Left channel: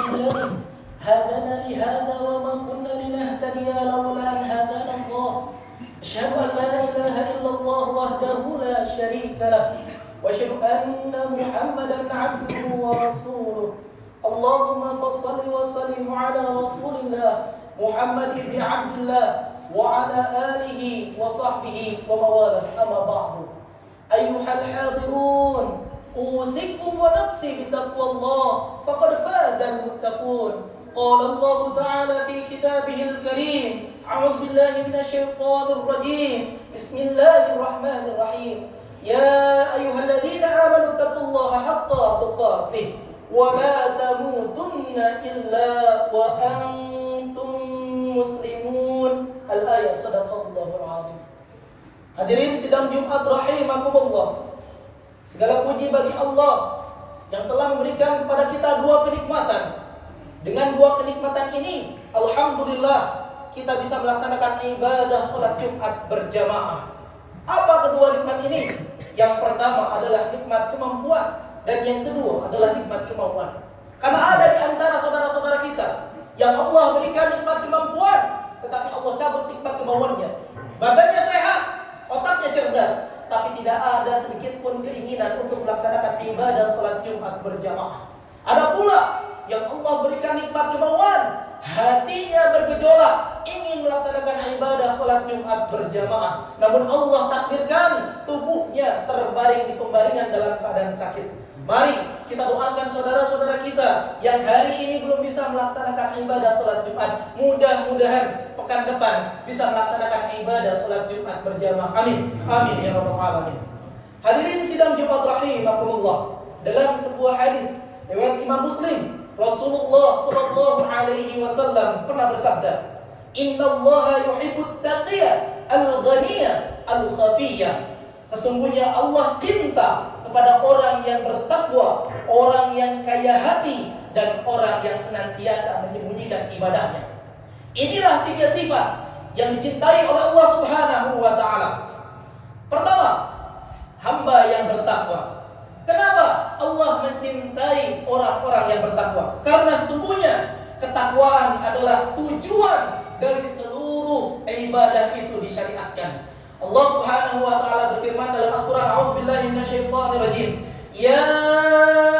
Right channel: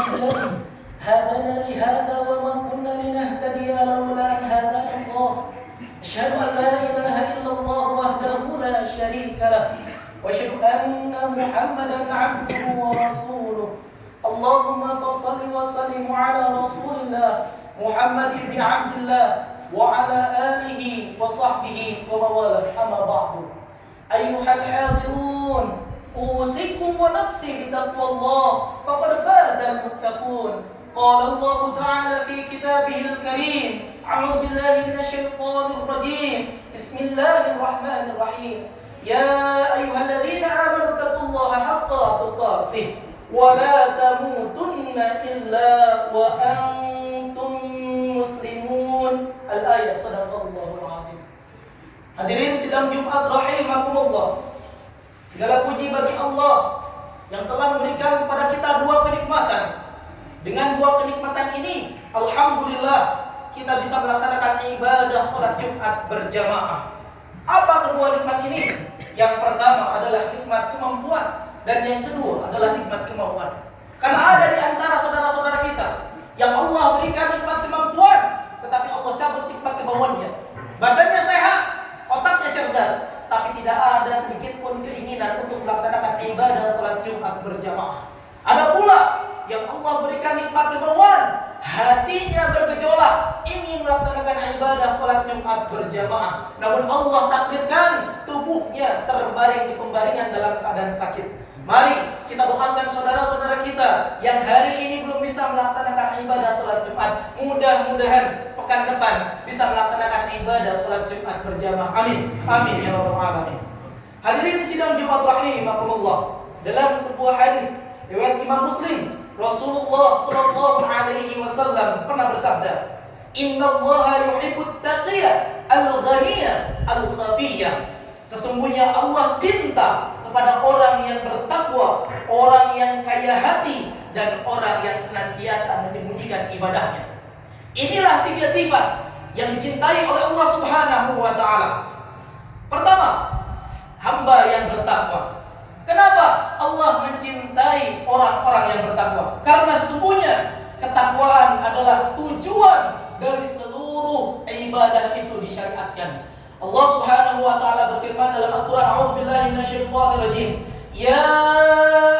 الذي هدانا لهذا وما كنا لنهتدي لولا أن هدانا الله أشهد أن لا إله إلا الله وحده لا شريك له وأشهد أن محمدا عبده ورسوله اللهم فصل وسلم على رسول الله محمد بن عبد الله وعلى آله وصحبه وموالاه أما بعد أيها الحاضرون أوصيكم ونفسي بتقوى الله فقد فاز المتقون قال الله تعالى في كتابه الكريم أعوذ بالله من الشيطان الرجيم بسم الله الرحمن الرحيم يا أيها الذين آمنوا اتقوا الله حق تقاته ولا تموتن إلا وأنتم مسلمون الآية صدق الله العظيم. Hadirin sidang Jumat rahimakumullah. Segala puji bagi Allah yang telah memberikan kepada kita dua kenikmatan. Dengan dua kenikmatan ini, alhamdulillah kita bisa melaksanakan ibadah salat Jumat berjamaah. Apa kedua nikmat ini? Yang pertama adalah nikmat kemampuan dan yang kedua adalah nikmat kemauan. Karena ada di antara saudara-saudara kita yang Allah berikan nikmat kemampuan, tetapi Allah cabut nikmat kemauannya. Badannya sehat, otaknya cerdas, tapi tidak ada sedikit pun keinginan untuk melaksanakan ibadah salat Jumat berjamaah. Ada pula yang Allah berikan nikmat kemauan, hatinya bergejolak ingin melaksanakan ibadah salat Jumat berjamaah, namun Allah takdirkan tubuhnya terbaring di pembaringan dalam keadaan sakit. Mari kita doakan saudara-saudara kita yang hari ini belum bisa melaksanakan ibadah salat Jumat, mudah-mudahan pekan depan bisa melaksanakan ibadah salat Jumat berjamaah. Amin. Amin ya rabbal alamin. Hadirin sidang Jumat rahimakumullah. Dalam sebuah hadis riwayat Imam Muslim, Rasulullah sallallahu alaihi wasallam pernah bersabda, "Innallaha yuhibbut taqiyya al-ghaniyya al-khafiyya." Sesungguhnya Allah cinta kepada orang yang bertakwa, orang yang kaya hati, dan orang yang senantiasa menyembunyikan ibadahnya. Inilah tiga sifat yang dicintai oleh Allah Subhanahu wa taala. Pertama, hamba yang bertakwa. Kenapa Allah mencintai orang-orang yang bertakwa? Karena sesungguhnya ketakwaan adalah tujuan dari seluruh ibadah itu disyariatkan. Allah Subhanahu wa taala berfirman dalam Al-Qur'an, "A'udzubillahi minasyaitonir rajim. Ya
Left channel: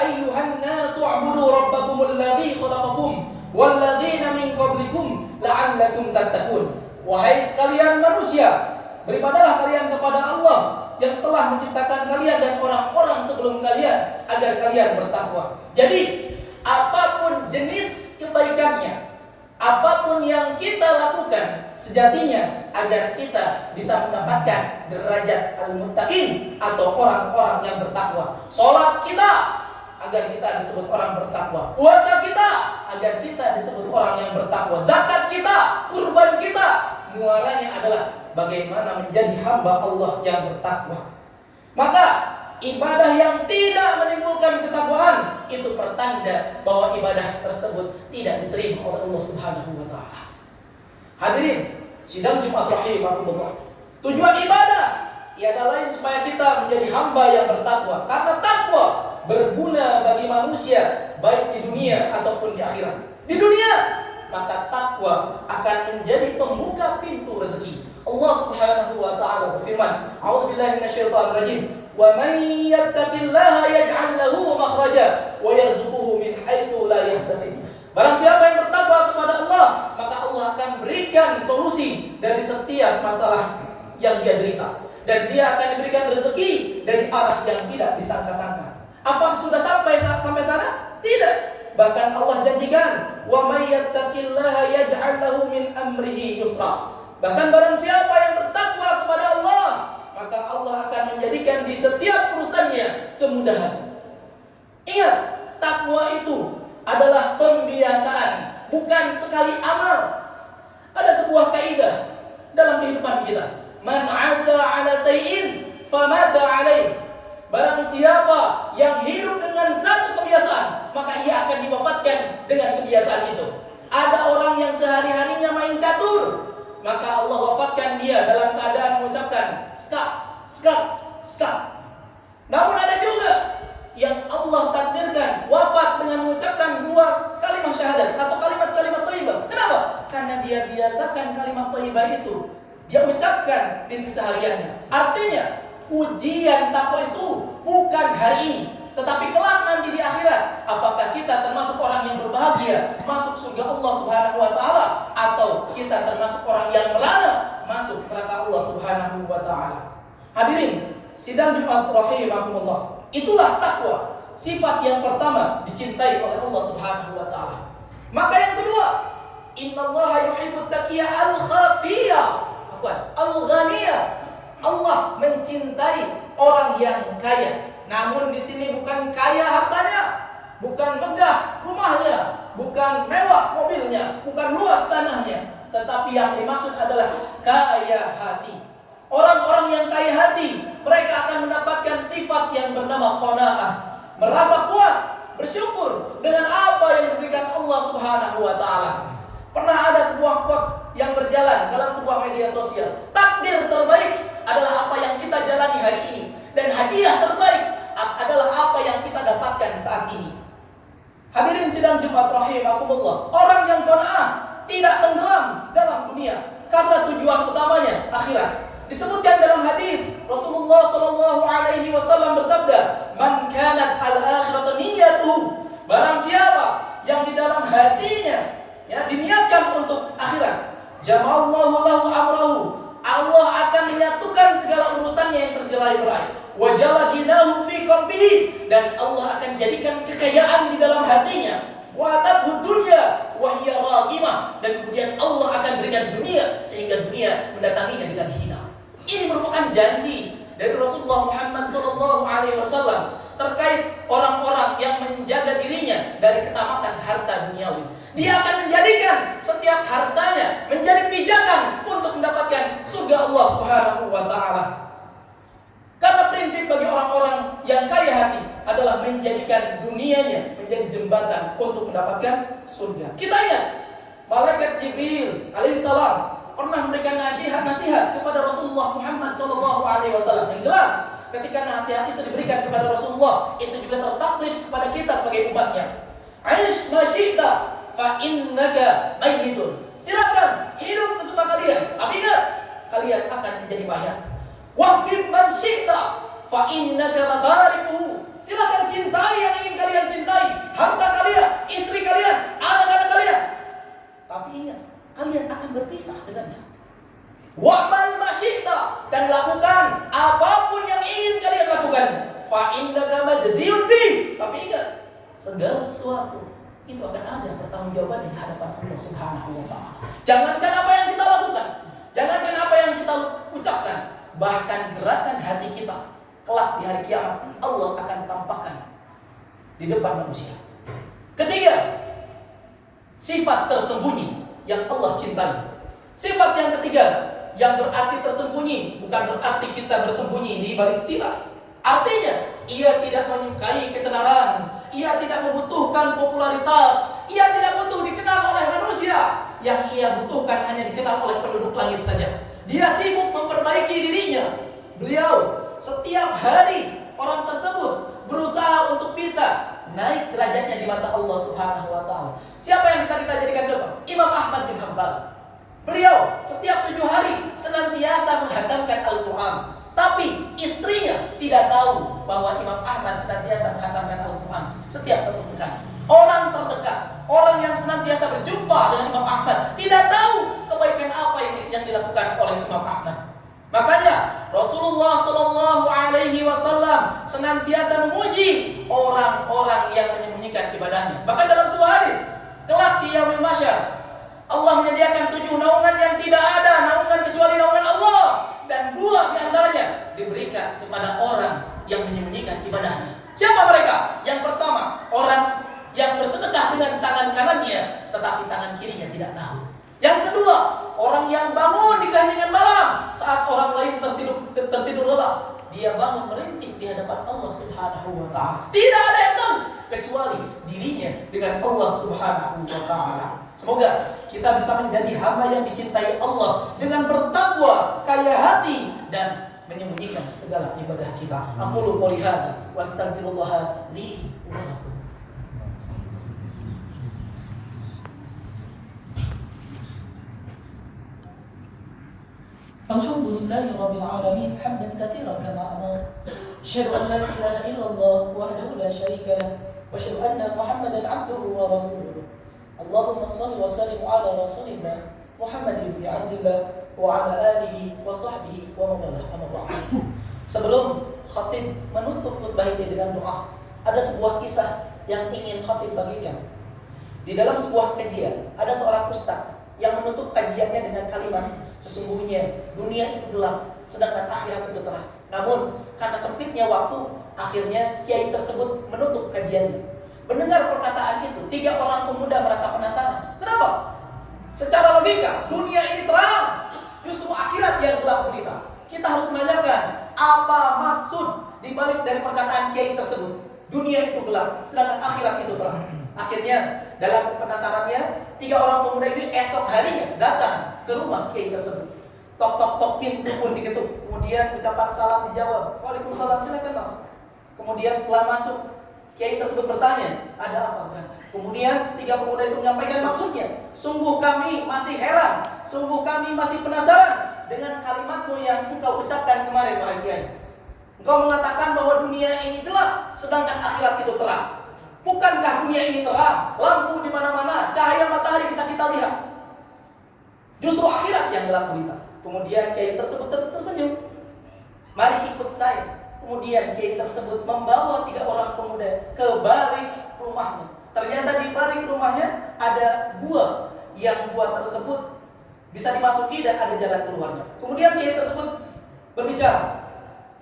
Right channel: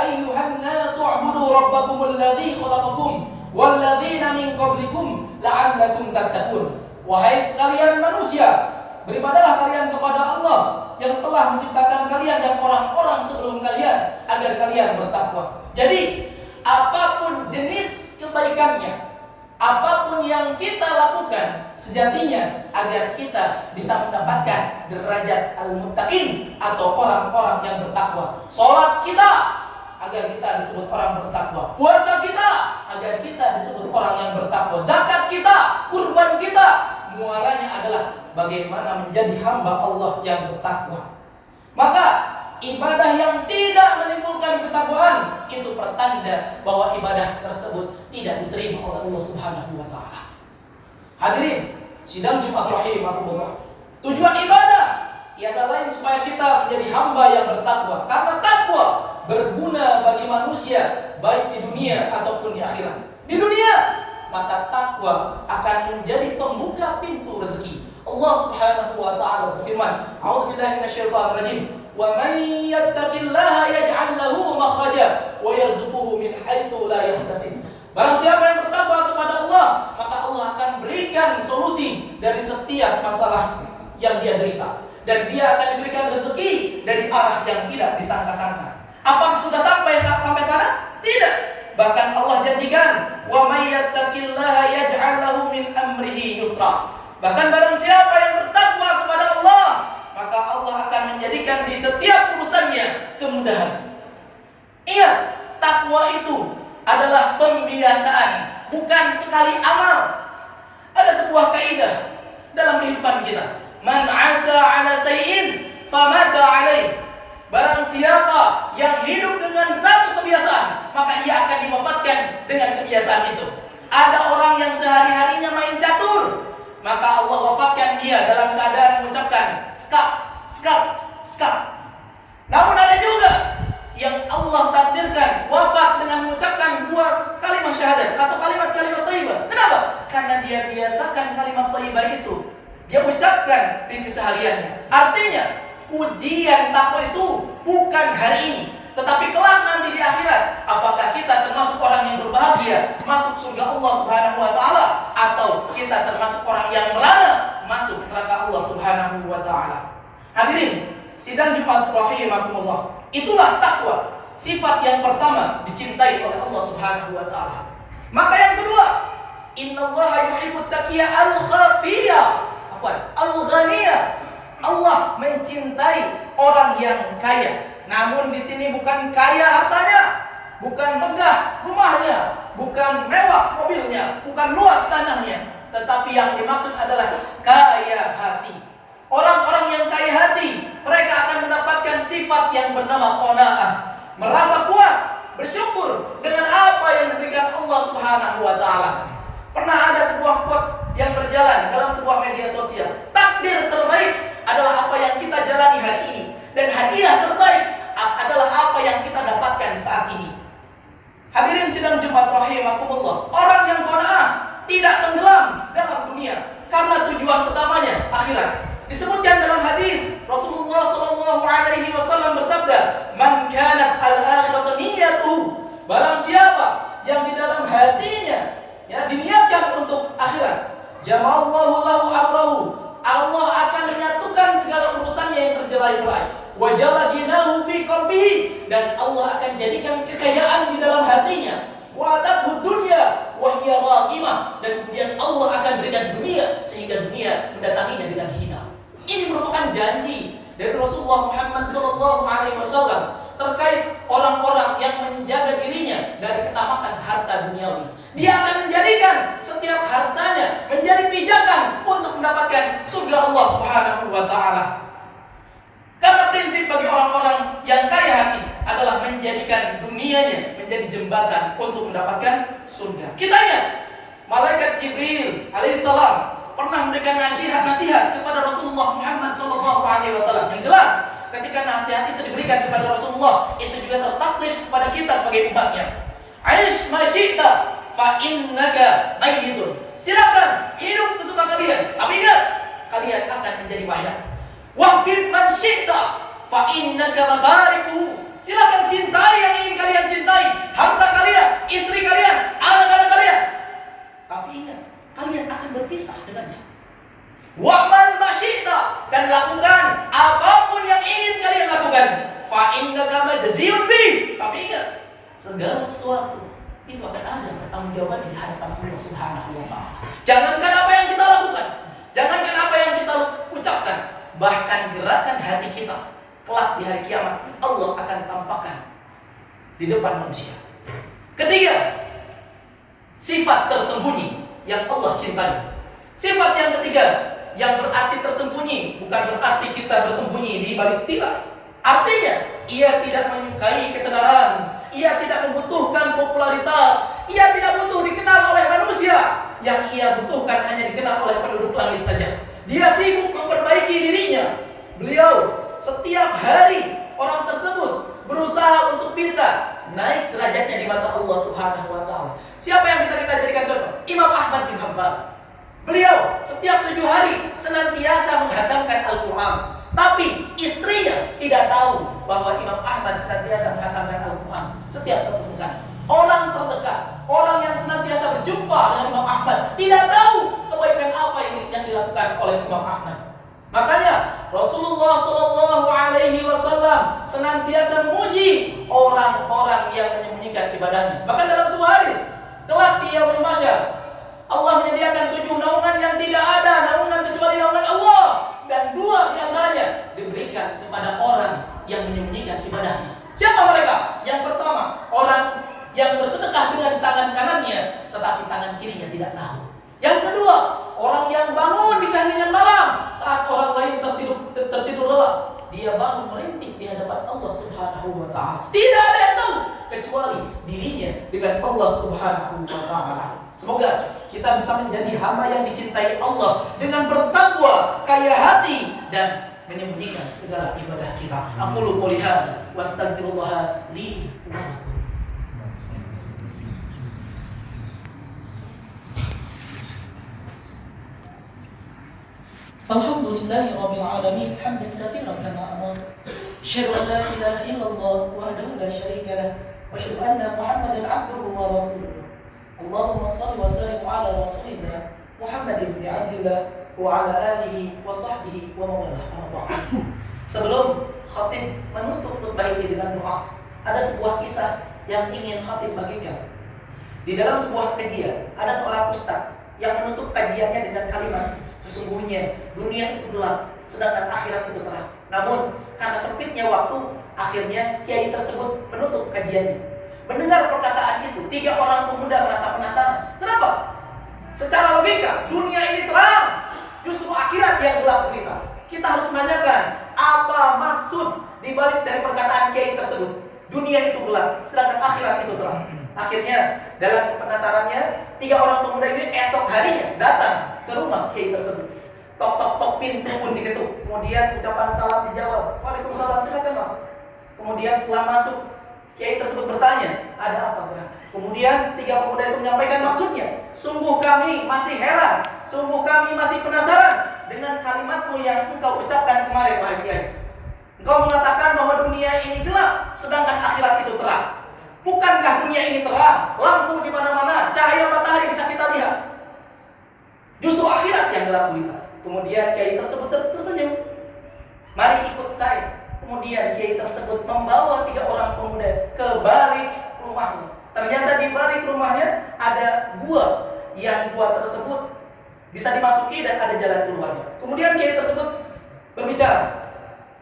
ayyuhan nasu 'budu rabbakumul ladzi khalaqakum wal ladzina min qablikum la'allakum tattaqun." Wahai sekalian manusia, beribadahlah kalian kepada Allah yang telah menciptakan kalian dan orang-orang sebelum kalian agar kalian bertakwa. Jadi, apapun jenis kebaikannya, apapun yang kita lakukan, sejatinya agar kita bisa mendapatkan derajat al-muttaqin atau orang-orang yang bertakwa. Salat kita agar kita disebut orang bertakwa. Puasa kita agar kita disebut orang yang bertakwa. Zakat kita, kurban kita, muaranya adalah bagaimana menjadi hamba Allah yang bertakwa. Maka ibadah yang tidak menimbulkan ketakwaan itu pertanda bahwa ibadah tersebut tidak diterima oleh Allah Subhanahu wa taala. Hadirin sidang Jumat rahimakumullah. Tujuan ibadah tiada lain supaya kita menjadi hamba yang bertakwa. Karena takwa berguna bagi manusia baik di dunia ataupun di akhirat. Di dunia, maka takwa akan menjadi pembuka pintu rezeki. Allah Subhanahu wa taala berfirman, "A'udzubillahi minasyaitonir rajim. Wa may yattaqillaha yaj'al lahu makhraja wa yarzuquhu min haitsu la yahtasib." Barang siapa yang bertakwa kepada Allah, maka Allah akan berikan solusi dari setiap masalah yang dia derita, dan dia akan diberikan rezeki dari arah yang tidak disangka-sangka. Apakah sudah sampai sana? Tidak. Bahkan Allah janjikan, "Wa may yattaqillaha yaj'al lahu min amrihi yusra." Bahkan barang siapa yang bertakwa kepada Allah, maka Allah akan menjadikan di setiap urusannya kemudahan. Ingat, takwa itu adalah pembiasaan, bukan sekali amal. Ada sebuah kaidah dalam kehidupan kita. Man 'asa 'ala sayyin famata 'alaih. Barang siapa yang hidup dengan satu kebiasaan, maka ia akan diwafatkan dengan kebiasaan itu. Ada orang yang sehari-harinya main catur, maka Allah wafatkan dia dalam keadaan mengucapkan skak, skak, skak. Namun ada juga yang Allah takdirkan wafat dengan mengucapkan dua kalimat dia biasakan kalimat thayyibah itu, dia ucapkan di kesehariannya. Artinya ujian takwa itu bukan hari ini, tetapi kelak nanti di akhirat. Apakah kita termasuk orang yang berbahagia masuk surga Allah Subhanahu wa taala, atau kita termasuk orang yang merana masuk neraka Allah Subhanahu wa taala. Hadirin sidang Jumat rahimakumullah, itulah takwa, sifat yang pertama dicintai oleh Allah Subhanahu wa taala. Maka yang kedua, innallaha yuhibbut taqiyya al-khafiyya, al-ghaniyya. Allah mencintai orang yang kaya. Namun di sini bukan kaya hartanya, bukan megah rumahnya, bukan mewah mobilnya, bukan luas tanahnya, tetapi yang dimaksud adalah kaya hati. Orang-orang yang kaya hati, mereka akan mendapatkan sifat yang bernama qanaah, merasa puas, bersyukur dengan apa yang diberikan Allah Subhanahu wa taala. Pernah ada sebuah quote yang berjalan dalam sebuah media sosial. Takdir terbaik adalah apa yang kita jalani hari ini, dan hadiah terbaik adalah apa yang kita dapatkan saat ini. Hadirin sidang Jumat rahimakumullah, orang yang qanaah tidak tenggelam dalam dunia karena tujuan utamanya akhirat. Disebutkan dalam hadis Rasulullah sallallahu alaihi wasallam bersabda, "Man kanat al-akhiratu niyyatuhu." Barang siapa yang di dalam hatinya diniatkan untuk akhirat, jama'allahu lahu amrahu, Allah akan menyatukan segala urusannya yang terjelai-belai. Wa jala ginahu fi qalbihi, dan Allah akan jadikan kekayaan di dalam hatinya. Wa atabhu dunya wa hiya raghimah, dan kemudian Allah akan berikan dunia sehingga dunia mendatanginya dengan hina. Ini merupakan janji dari Rasulullah Muhammad SAW terkait orang-orang yang menjaga dirinya dari ketamakan harta duniawi. Dia akan menjadikan setiap hartanya menjadi pijakan untuk mendapatkan surga Allah Subhanahu wa taala. Karena prinsip bagi orang-orang yang kaya hati adalah menjadikan dunianya menjadi jembatan untuk mendapatkan surga. Kita ingat malaikat Jibril alaihissalam pernah memberikan nasihat kepada Rasulullah Muhammad SAW. Yang jelas, ketika nasihat itu diberikan kepada Rasulullah, itu juga tertaklif kepada kita sebagai umatnya. Aish ma syi'ta fa innaka mayyitun. Silakan hidup sesuka kalian, tapi ingat, kalian akan menjadi mayat. Wahbib man syi'ta fa innaka mafariquhu. Silakan cintai yang ingin kalian cintai, harta kalian, istri kalian, anak-anak kalian. Tapi ingat, kalian akan berpisah dengannya. Wa'mal masyita, dan lakukan apapun yang ingin kalian lakukan. Fa innaka majziyun bi. Tapi ingat, segala sesuatu itu akan ada pertanggungjawaban di hadapan Allah Subhanahu wa taala. Jangankan apa yang kita lakukan, jangankan apa yang kita ucapkan, bahkan gerakan hati kita kelak di hari kiamat Allah akan tampakkan di depan manusia. Ketiga, sifat tersembunyi yang Allah cintai. Sifat yang ketiga, yang berarti tersembunyi, bukan berarti kita bersembunyi di balik tirai. Artinya, ia tidak menyukai ketenaran, ia tidak membutuhkan popularitas, ia tidak butuh dikenal oleh manusia. Yang ia butuhkan hanya dikenal oleh penduduk langit saja. Dia sibuk memperbaiki dirinya. Beliau setiap hari, orang tersebut berusaha untuk bisa naik derajatnya di mata Allah Subhanahu wa taala. Siapa yang bisa kita jadikan contoh? Imam Ahmad bin Hanbal. Beliau setiap 7 hari senantiasa menghatamkan Al-Quran. Tapi istrinya tidak tahu bahwa Imam Ahmad senantiasa menghatamkan Al-Quran setiap 1 pekan. Orang terdekat, orang yang senantiasa berjumpa dengan Imam Ahmad, tidak tahu kebaikan apa yang dilakukan oleh Imam Ahmad. Makanya Rasulullah SAW senantiasa memuji orang-orang yang menyembunyikan ibadahnya. Bahkan dalam sebuah hadis, kelak di yaumul mahsyar, Allah menyediakan 7 naungan yang tidak ada naungan kecuali naungan Allah, dan 2 diantaranya diberikan kepada orang yang menyembunyikan ibadahnya. Siapa mereka? Yang pertama, orang yang bersedekah dengan tangan kanannya, tetapi tangan kirinya tidak tahu. Yang kedua, orang yang bangun di keheningan malam saat orang lain tertidur lelap. Dia bangun merintih di hadapan Allah Subhanahu wa taala. Tidak ada yang tahu kecuali dirinya dengan Allah Subhanahu wa taala. Semoga kita bisa menjadi hamba yang dicintai Allah dengan bertakwa, kaya hati, dan menyembunyikan segala ibadah kita. Aqulu qouli hadza wa astaghfirullah li wa lakum. Alhamdulillahi rabbil alamin hamdan katsiran kama amara. Asyhadu an la ilaha illallah wahdahu la syarika lah wa asyhadu anna Muhammadan abduhu wa rasuluh. Allahumma shalli wa sallim ala rasulina Muhammadin bin Abdillah wa ala alihi wa sahbihi wa mawalah. Sebelum khatib menutup khutbah ini dengan doa, ada sebuah kisah yang ingin khatib bagikan. Di dalam sebuah kajian, ada seorang ustaz yang menutup kajiannya dengan kalimat, sesungguhnya dunia itu gelap, sedangkan akhirat itu terang. Namun, karena sempitnya waktu, akhirnya kiai tersebut menutup kajiannya. Mendengar perkataan itu, 3 orang pemuda merasa penasaran. Kenapa? Secara logika, dunia ini terang, justru akhirat yang gelap gulita. Kita harus menanyakan, apa maksud dibalik dari perkataan kiai tersebut? Dunia itu gelap, sedangkan akhirat itu terang. Akhirnya, dalam penasarannya, 3 orang pemuda ini esok harinya datang ke rumah kiai tersebut. Tok tok tok, pintu pun diketuk. Kemudian ucapan salam dijawab. Waalaikumsalam, silakan masuk. Kemudian setelah masuk, kiai tersebut bertanya, ada apa gerangan? Kemudian 3 pemuda itu menyampaikan maksudnya. Sungguh kami masih heran, sungguh kami masih penasaran dengan kalimatmu yang engkau ucapkan kemarin, wahai kiai. Engkau mengatakan bahwa dunia ini gelap, sedangkan akhirat itu terang. Bukankah dunia ini terang? Lampu di mana-mana, cahaya matahari bisa kita lihat. Justru akhirat yang gelap gulita. Kemudian kiai tersebut tersenyum. Mari ikut saya. Kemudian kiai tersebut membawa 3 orang pemuda ke balik rumahnya. Ternyata di balik rumahnya ada gua, yang gua tersebut bisa dimasuki dan ada jalan keluarnya. Kemudian kiai tersebut berbicara,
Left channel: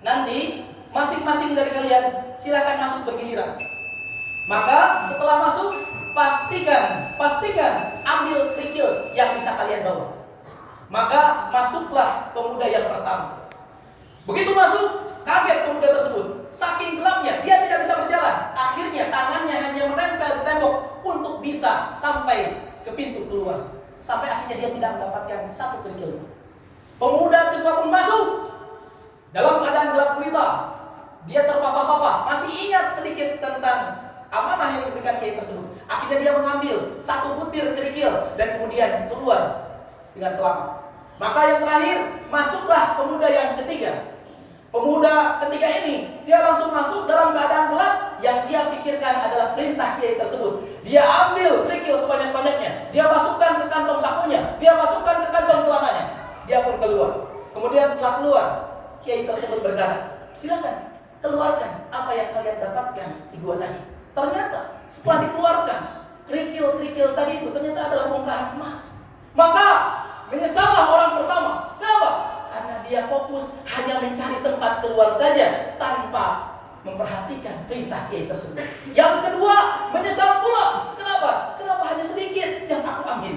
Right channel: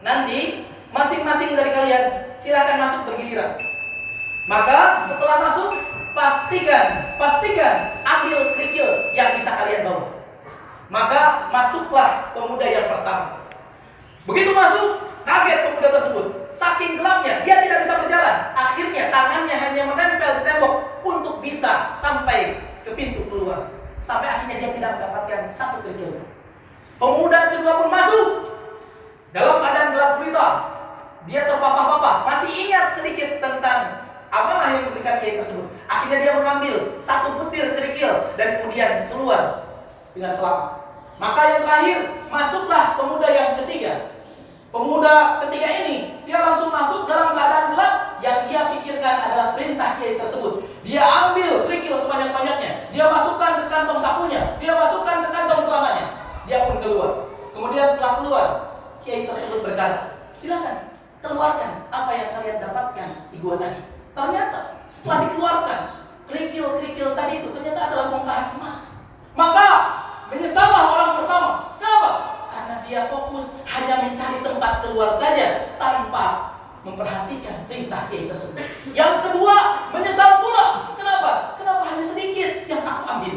nanti masing-masing dari kalian silakan masuk bergiliran. Maka setelah masuk, pastikan ambil kerikil yang bisa kalian bawa. Maka masuklah pemuda yang pertama. Begitu masuk, kaget pemuda tersebut. Saking gelapnya, dia tidak bisa berjalan. Akhirnya tangannya hanya menempel di tembok untuk bisa sampai ke pintu keluar. Sampai akhirnya dia tidak mendapatkan 1 kerikil. Pemuda kedua pun masuk. Dalam keadaan gelap gulita, dia terpapar-papar, masih ingat sedikit tentang amanah yang diberikan kiai tersebut. Akhirnya dia mengambil 1 butir kerikil dan kemudian keluar dengan selamat. Maka yang terakhir, masuklah pemuda yang ketiga. Pemuda ketiga ini, dia langsung masuk dalam keadaan gelap. Yang dia pikirkan adalah perintah kiai tersebut. Dia ambil kerikil sebanyak-banyaknya. Dia masukkan ke kantong sakunya. Dia masukkan ke kantong celananya. Dia pun keluar. Kemudian setelah keluar, kiai tersebut berkata, silakan keluarkan apa yang kalian dapatkan di gua tadi. Ternyata setelah dikeluarkan kerikil-kerikil tadi itu ternyata adalah bongkahan emas. Maka menyesallah orang pertama. Kenapa? Karena dia fokus hanya mencari tempat keluar saja tanpa memperhatikan perintah kiai tersebut. Yang kedua, menyesal pula. Kenapa? Kenapa hanya sedikit yang aku ambil?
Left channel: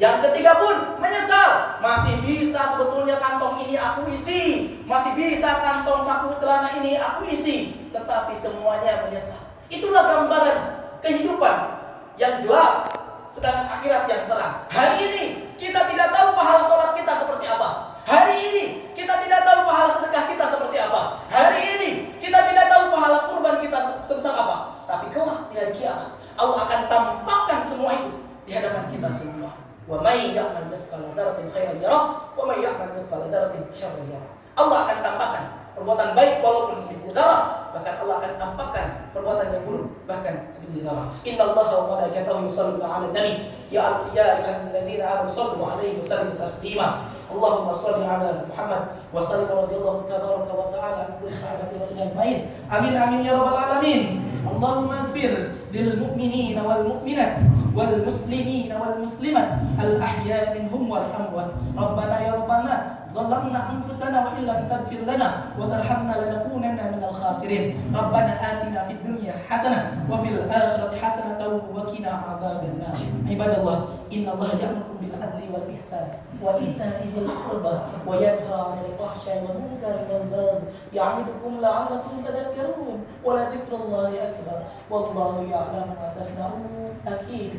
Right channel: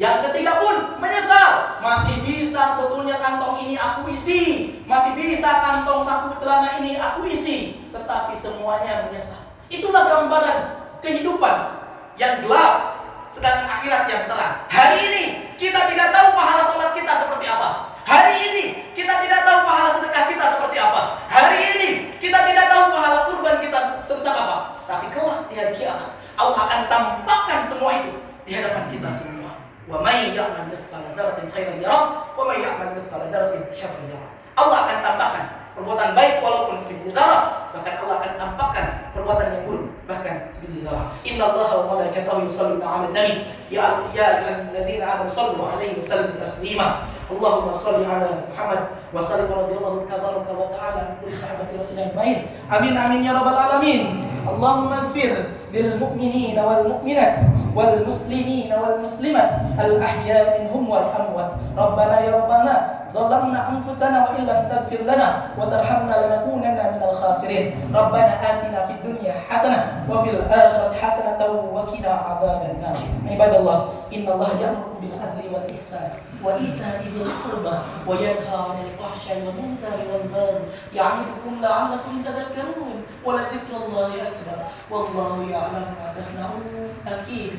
Yang ketiga pun menyesal. Masih bisa sebetulnya kantong ini aku isi. Masih bisa kantong saku celana ini aku isi. Tetapi semuanya menyesal. Itulah gambaran kehidupan yang gelap, sedangkan akhirat yang terang. Hari ini kita tidak tahu pahala sholat kita seperti apa. Hari ini kita tidak tahu pahala sedekah kita seperti apa. Hari ini kita tidak tahu pahala kurban kita sebesar apa. Tapi kelak di hari kiamat Allah akan tampakkan semua itu di hadapan kita semua. Wa may ya'mal mithqala dzarratin khairan yarah wa may ya'mal mithqala dzarratin syarran yarah. Allah akan tampakkan perbuatan baik walaupun sebiji zarah, bahkan Allah akan tampakkan perbuatan yang buruk bahkan sebiji zarah. Innallaha wa malaikatahu yusholluna 'alan nabi ya ayyuhalladzina amanu shallu 'alaihi wa sallimu taslima. Allahumma shalli 'ala Muhammad wa sallim radhiyallahu tabaraka wa ta'ala an kulli sahabati rasulillah ajmain. Amin amin ya rabbal alamin. Allahumma ighfir lil mu'minina wal mu'minat wal muslimina wal muslimat al ahya minhum wal amwat. Rabbana ya rabbana ظلمنا أنفسنا وإن لم تغفر لنا وترحمنا لنكونن من الخاسرين. ربنا آتنا في الدنيا حسنة وفي الآخرة حسنة وقنا عذاب النار. عباد الله إن الله يأمر بالعدل والإحسان وإيتاء ذي القربى وينهى عن الفحشاء والمنكر والبغي يعظكم لعلكم تذكرون ولذكر الله أكبر والله يعلم ما تصنعون. أكيد.